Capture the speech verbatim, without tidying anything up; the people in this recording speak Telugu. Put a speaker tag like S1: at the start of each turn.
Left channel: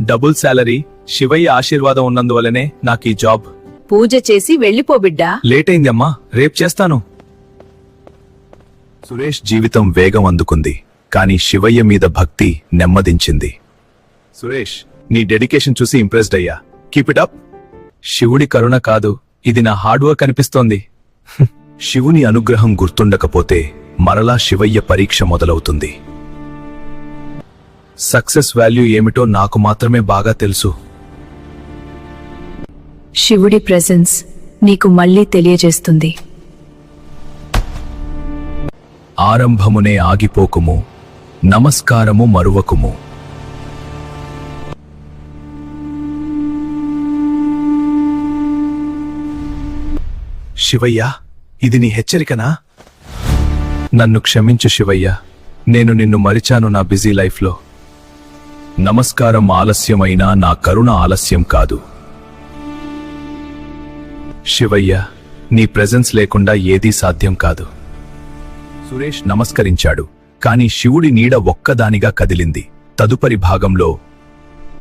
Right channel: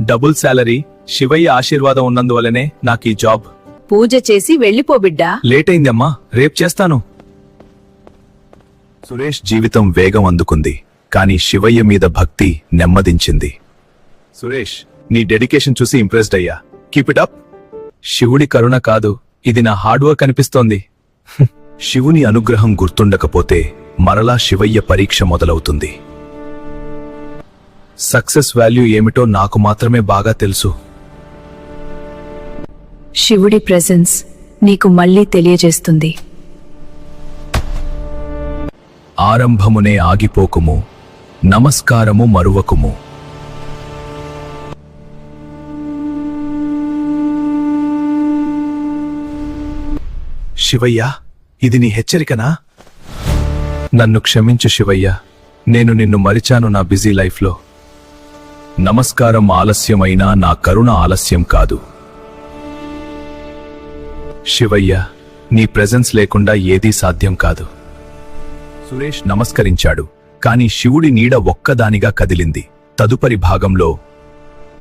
S1: డబుల్ శాలరీ, శివయ్య ఆశీర్వాదం ఉన్నందువల్లనే నాకీ జాబ్.
S2: పూజ చేసి వెళ్ళిపో బిడ్డా.
S1: లేట్ అయిందమ్మా, రేపు చేస్తాను. సురేష్ జీవితం వేగం అందుకుంది, కానీ శివయ్య మీద భక్తి నెమ్మదించింది. సురేష్, నీ డెడికేషన్ చూసి ఇంప్రెస్డ్ అయ్యా. Keep it up. శివుడి కరుణ కాదు, ఇది నా హార్డ్ వర్క్ అనిపిస్తోంది. శివుని అనుగ్రహం గుర్తుండకపోతే మరలా శివయ్య పరీక్ష మొదలవుతుంది. సక్సెస్ వాల్యూ ఏమిటో నాకు మాత్రమే బాగా తెలుసు.
S2: శివుడి ప్రెజెన్స్ నీకు మళ్ళీ తెలియజేస్తుంది.
S1: ఆరంభమునే ఆగిపోకుము, నమస్కారము మరువకుము. శివయ్య, ఇది నీ హెచ్చరికనా? నన్ను క్షమించు శివయ్య, నేను నిన్ను మరిచాను నా బిజీ లైఫ్లో. నమస్కారం ఆలస్యమైనా నా కరుణ ఆలస్యం కాదు. శివయ్య, నీ ప్రెజెన్స్ లేకుండా ఏదీ సాధ్యం కాదు. సురేష్ నమస్కరించాడు, కాని శివుడి నీడ ఒక్కదానిగా కదిలింది. తదుపరి భాగంలో